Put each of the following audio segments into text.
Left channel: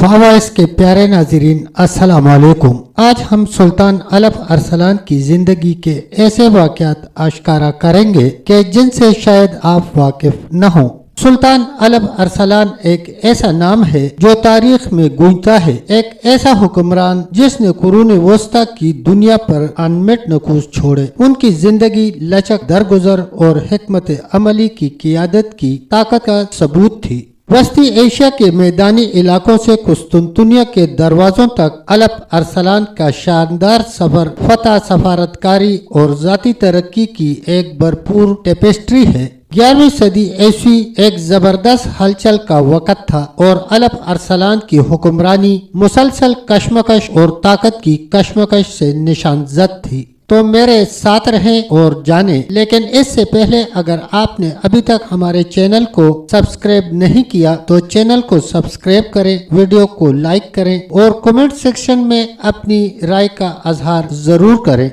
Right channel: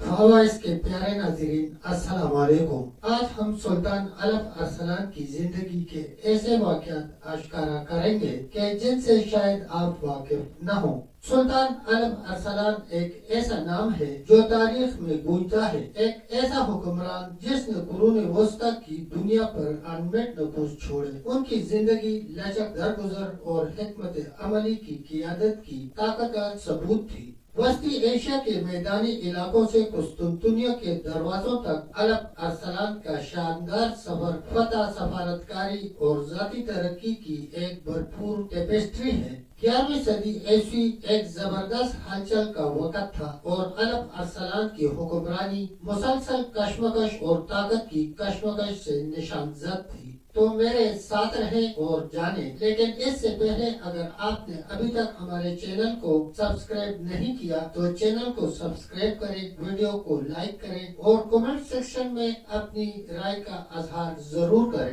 فوائس کے پیارے ناظرین السلام علیکم۔ آج ہم سلطان الف ارسلان کی زندگی کے ایسے واقعات آشکارا کریں گے کہ جن سے شاید آپ واقف نہ ہوں۔ سلطان الف ارسلان ایک ایسا نام ہے جو تاریخ میں گونجتا ہے، ایک ایسا حکمران جس نے قرون وسطی کی دنیا پر انمٹ نقوش چھوڑے۔ ان کی زندگی لچک درگزر اور حکمت عملی کی قیادت کی طاقت کا ثبوت تھی۔ وسطی ایشیا کے میدانی علاقوں سے قسطنطنیہ کے دروازوں تک الف ارسلان کا شاندار سفر فتح، سفارتکاری اور ذاتی ترقی کی ایک بھرپور ٹیپسٹری ہے۔ 11ویں صدی عیسوی ایک زبردست ہلچل کا وقت تھا اور الف ارسلان کی حکمرانی مسلسل کشمکش اور طاقت کی کشمکش سے نشان زد تھی۔ تو میرے ساتھ رہیں اور جانیں، لیکن اس سے پہلے اگر آپ نے ابھی تک ہمارے چینل کو سبسکرائب نہیں کیا تو چینل کو سبسکرائب کریں، ویڈیو کو لائک کریں اور کمنٹ سیکشن میں اپنی رائے کا اظہار ضرور کریں۔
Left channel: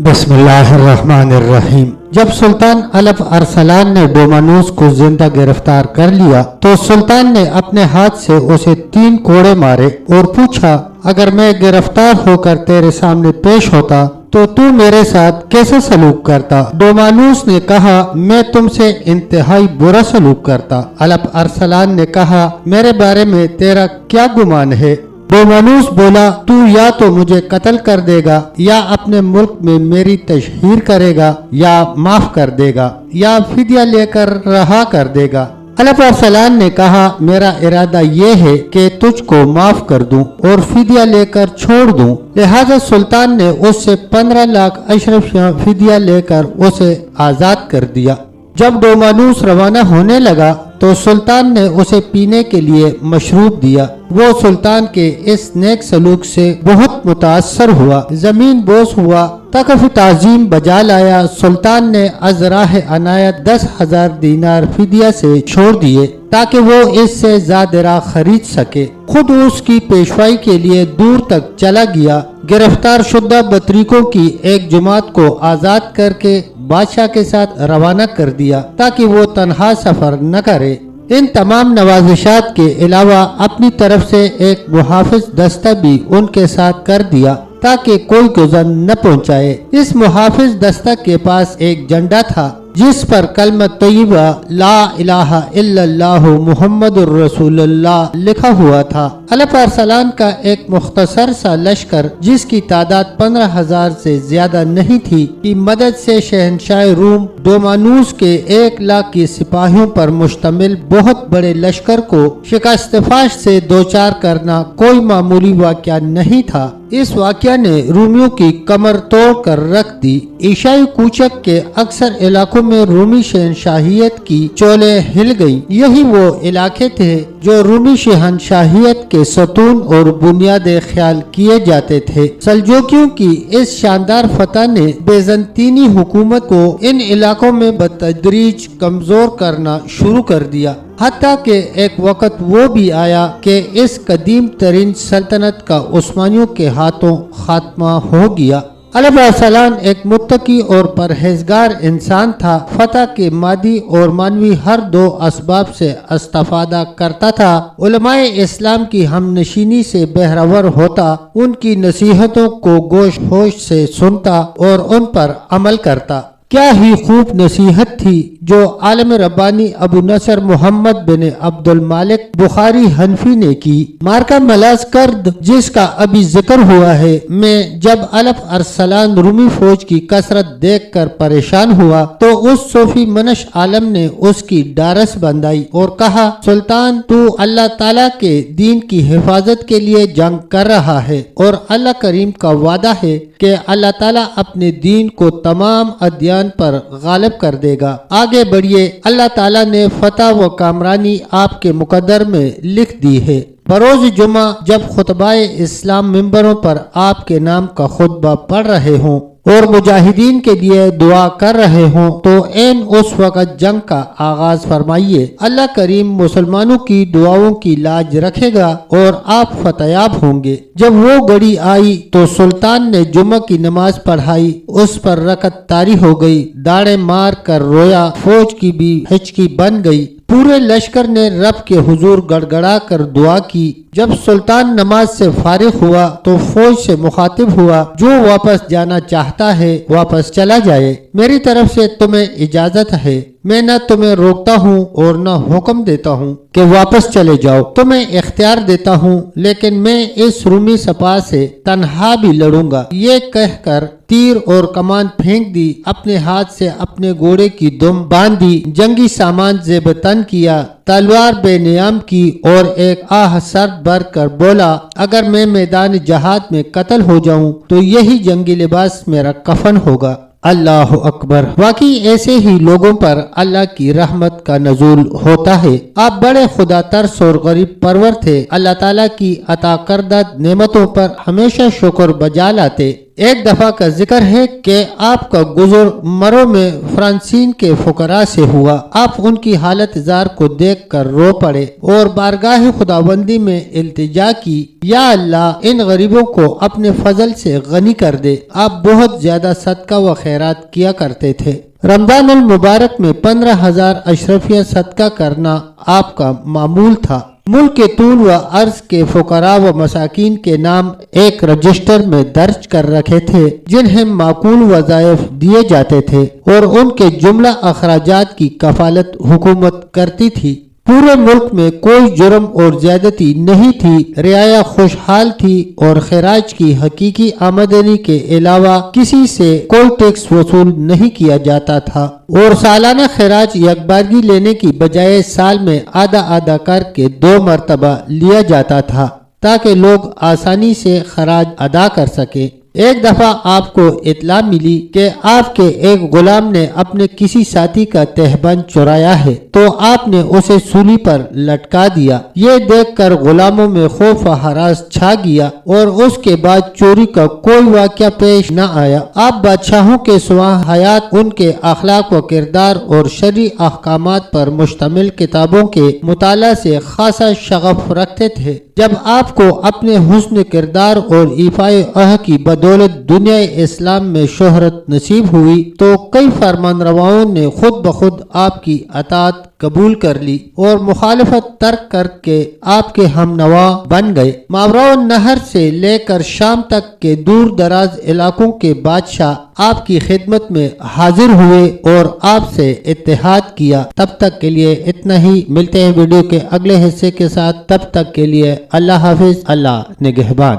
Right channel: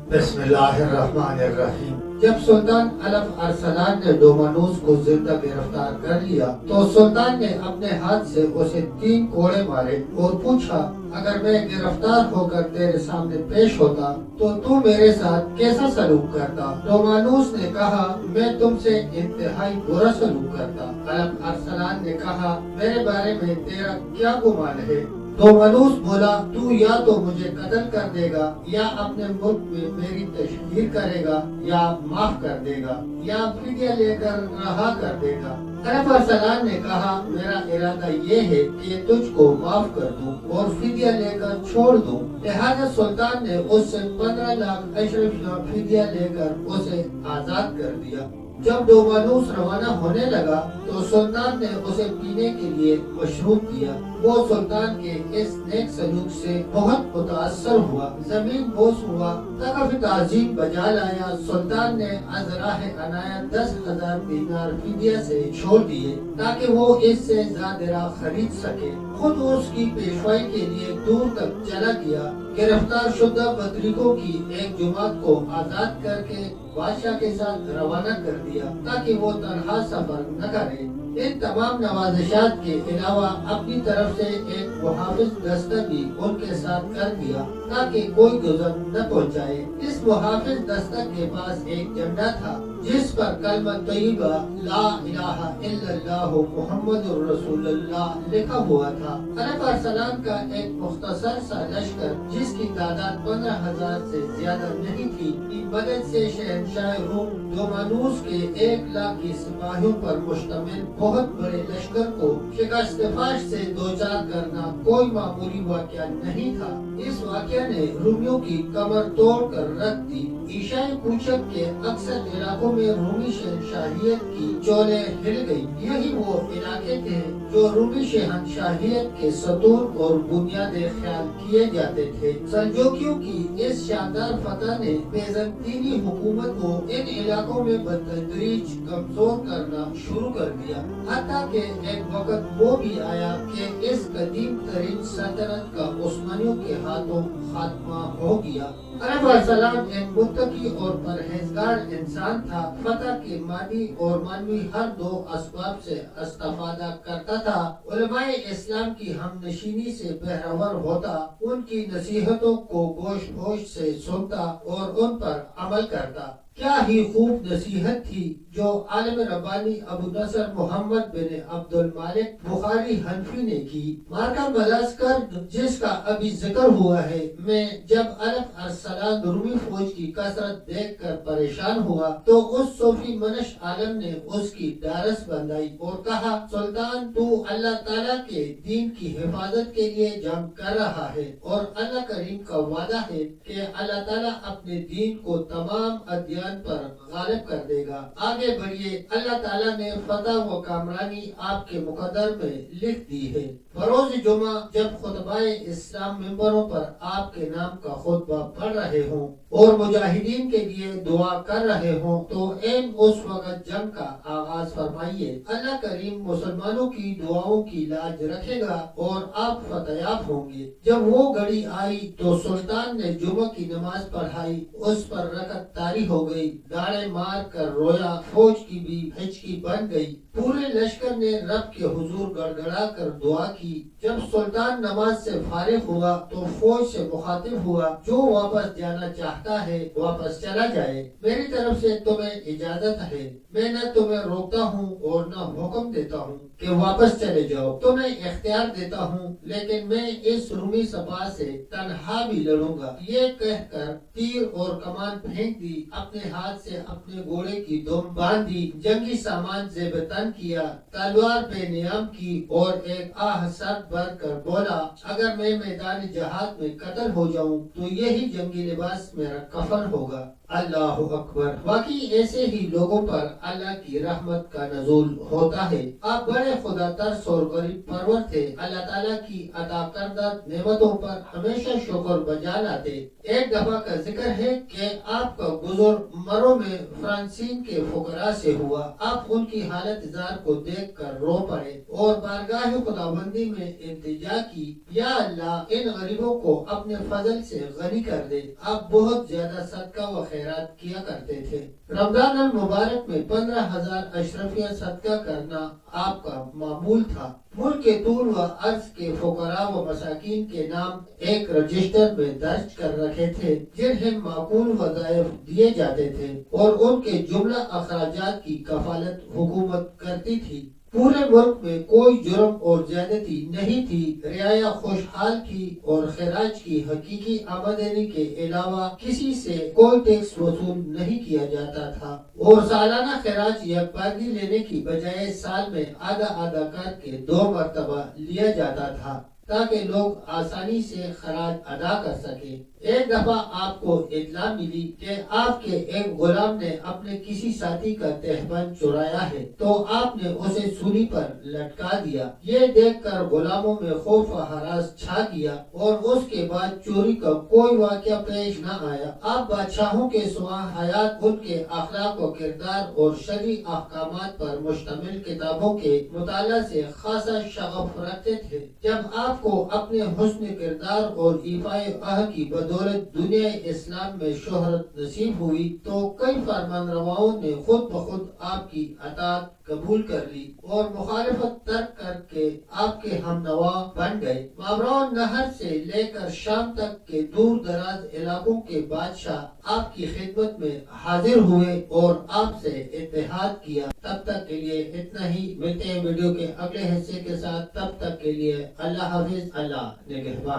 بسم اللہ الرحمن الرحیم۔ جب سلطان الف ارسلان نے ڈومانوس کو زندہ گرفتار کر لیا تو سلطان نے اپنے ہاتھ سے اسے 3 کوڑے مارے اور پوچھا، اگر میں گرفتار ہو کر تیرے سامنے پیش ہوتا تو میرے ساتھ کیسے سلوک کرتا؟ ڈومانوس نے کہا، میں تم سے انتہائی برا سلوک کرتا۔ الف ارسلان نے کہا، میرے بارے میں تیرا کیا گمان ہے؟ ڈومانوس بولا، تو یا تو مجھے قتل کر دے گا یا اپنے ملک میں میری تشہیر کرے گا یا معاف کر دے گا یا فدیہ لے کر رہا کر دے گا۔ الف ارسلان نے کہا، میرا ارادہ یہ ہے کہ تجھ کو معاف کر دوں اور فدیہ لے کر چھوڑ دوں۔ لہذا سلطان نے اس سے 15 لاکھ اشرفیاں فدیہ لے کر اسے آزاد کر دیا۔ جب ڈومانوس روانہ ہونے لگا تو سلطان نے اسے پینے کے لیے مشروب دیا۔ وہ سلطان کے اس نیک سلوک سے بہت متاثر ہوا، زمین بوس ہوا، تکف تعظیم بجا لایا۔ سلطان نے از راہ عنایت 10,000 دینار فدیہ سے چھوڑ دیے تاکہ وہ اس سے زادرہ خرید سکے۔ خود اس کی پیشوائی کے لیے دور تک چلا گیا۔ گرفتار شدہ بطریقوں کی ایک جماعت کو آزاد کر کے بادشاہ کے ساتھ روانہ کر دیا تاکہ وہ تنہا سفر نہ کرے۔ ان تمام نوازشات کے علاوہ اپنی طرف سے ایک محافظ دستہ بھی ان کے ساتھ کر دیا تاکہ کوئی گزر نہ پہنچائے۔ اس محافظ دستہ کے پاس ایک جھنڈا تھا جس پر کلمہ طیبہ لا الہ الا اللہ محمد الرسول اللہ لکھا ہوا تھا۔ الف ارسلان کا ایک مختصر سا لشکر جس کی تعداد 15,000 سے زیادہ نہیں تھی کی مدد سے شہنشاہ روم ڈومانوس کے 1 لاکھ کی سپاہیوں پر مشتمل بہت بڑے لشکر کو شکست فاش سے دوچار کرنا کوئی معمولی واقعہ نہیں تھا۔ اس واقعہ نے رومیوں کی کمر توڑ کر رکھ دی۔ ایشائی کوچک کے اکثر علاقوں میں رومی شہنشاہیت کی چولیں ہل گئی۔ یہی وہ علاقے تھے جو رومی شہنشاہیت کے ستون اور بنیادیں خیال کیے جاتے تھے۔ سلجوکیوں کی اس شاندار فتح نے بیزنطینی حکومت کو ان علاقوں میں بتدریج کمزور کرنا شروع کر دیا، حتیٰ کہ ایک وقت وہ بھی آیا کہ اس قدیم ترین سلطنت کا عثمانیوں کے ہاتھوں خاتمہ ہو گیا۔ الف ارسلان ایک متقی اور پرہیزگار انسان تھا۔ فتح کے مادی اور معنوی ہر 2 اسباب سے استفادہ کرتا تھا۔ علماء اسلام کی ہم نشینی سے بہرور ہوتا، ان کی نصیحتوں کو گوش ہوش سے سنتا اور ان پر عمل کرتا۔ کیا ہی خوب نصیحت تھی جو عالم ربانی ابو نصر محمد بن عبد المالک بخاری حنفی نے کی۔ مارکہ ملازکرد جس کا ابھی ذکر ہوا ہے میں جب الف ارسلان رومی فوج کی کثرت دیکھ کر پریشان ہوا تو اس صوفی منش عالم نے اس کی ڈارس بندائی اور کہا، سلطان تو اللہ تعالیٰ کے دین کی حفاظت کے لیے جنگ کر رہا ہے اور اللہ کریم کا وعدہ ہے کہ اللہ تعالیٰ اپنے دین کو تمام ادیان پر غالب کر دے گا۔ آگے بڑھیے، اللہ تعالیٰ نے فتح و کامرانی آپ کے مقدر میں لکھ دی ہے۔ بروز جمعہ جب خطبہ اسلام ممبروں پر آپ کے نام کا خطبہ پڑھ رہے ہوں اور مجاہدین کے لیے دعا کر رہے ہوں تو عین اس وقت جنگ کا آغاز فرمائیے۔ اللہ کریم مسلمانوں کی دعاؤں کی لاج رکھے گا اور آپ فتیاب ہوں گے۔ جب وہ گھڑی آئی تو سلطان نے جمعہ کی نماز پڑھائی، اس پر رکعت طاری ہو گئی، داڑیں مار کر رویا، فوج کی بھی ہچکی بن گئی۔ پورے لشکر نے رب کے حضور گڑگڑا کر دعا کی۔ جب سلطان نماز سے فارغ ہوا تو فوج سے مخاطب ہوا، جو واپس جانا چاہتا ہے واپس چلا جائے، میری طرف سے تمہیں اجازت ہے، میں نہ تمہیں روکتا ہوں اور نہ حکم دیتا ہوں کہ واپس چلے جاؤ، تمہیں اختیار دیتا ہوں، لیکن میں اس رومی سپاہ سے تنہا بھی لڑوں گا۔ یہ کہہ کر تیر اور کمان پھینک دی، اپنے ہاتھ سے اپنے گھوڑے کی دم باندھی، جنگی سامان زیب تن کیا، تلوار بے نیام کی اور ایک آہ سر بھر کر بولا، اگر میں میدان جہاد میں قتل ہو جاؤں تو یہی جنگی لباس میرا کفن ہوگا۔ اللہ اکبر! واقعی ایسے ہی لوگوں پر اللہ کی رحمت کا نزول ہوتا ہے۔ آپ بڑے خدا ترس اور غریب پرور تھے، اللہ تعالیٰ کی عطا کردہ نعمتوں پر ہمیشہ شکر بجا لاتے۔ ایک دفعہ کا ذکر ہے کہ آپ کا گزر مرو میں فرانسین کے فقراء سے ہوا۔ آپ ان کی حالت زار کو دیکھ کر رو پڑے اور بارگاہ خداوندی میں التجا کی، یا اللہ ان غریبوں کو اپنے فضل سے غنی کر دے۔ آپ بہت زیادہ صدقہ و خیرات کیا کرتے تھے۔ رمضان المبارک میں 15,000 اشرفیہ صدقہ کرنا آپ کا معمول تھا۔ ملک کے طول و عرض کے فقراء و مساکین کے نام ایک رجسٹر میں درج کر رکھے تھے، جنہیں معقول وظائف دیے جاتے تھے اور ان کے جملہ اخراجات کی کفالت حکومت کرتی تھی۔ پورے ملک میں کوئی جرم اور زیادتی نہیں تھی، رعایا خوشحال تھی اور خراج کی حقیقی آمدنی کے علاوہ کسی سے کوئی ٹیکس وصول نہیں کیا جاتا تھا، اور سالانہ خراج یکبارگی لینے کی بجائے سال میں آدھا آدھا کر کے 2 مرتبہ لیا جاتا تھا تاکہ لوگ آسانی سے خراج ادا کر سکیں۔ ایک دفعہ آپ کو اطلاع ملی کہ آپ کے ایک غلام نے اپنے کسی ساتھی کا تہبند چرایا ہے، تو آپ نے اسے سولی پر لٹکا دیا۔ یہ دیکھ کر غلاموں میں خوف و ہراس چھا گیا اور اس کے بعد چوری کا کوئی واقعہ پیش نہ آیا۔ آپ بادشاہوں کے سوا حیات ان کے اخلاق و کردار اور شرعی احکامات پر مشتمل کتابوں کے مطالعہ سے خاصا شغف رکھتے تھے۔ جب آپ کو اپنے حسن کردار اور ایفائے عہد کی بدولت دنیا اسلام میں شہرت نصیب ہوئی تو کئی فرمان رواؤں نے خود بخود آپ کی اطاعت قبول کر لی اور مخالفت ترک کر کے آپ کے ہم نوا بن گئے۔ ماوراء النہر سے لے کر شام تک کے دور دراز علاقوں کے بادشاہ آپ کی خدمت میں حاضر ہوئے اور آپ سے اتحاد کیا۔ تب تک کے لیے اتنا ہی، ملتے ہیں ویڈیو کے اگلے حصے کے ساتھ، تب تک کے لیے اللہ حافظ، اللہ نگہبان۔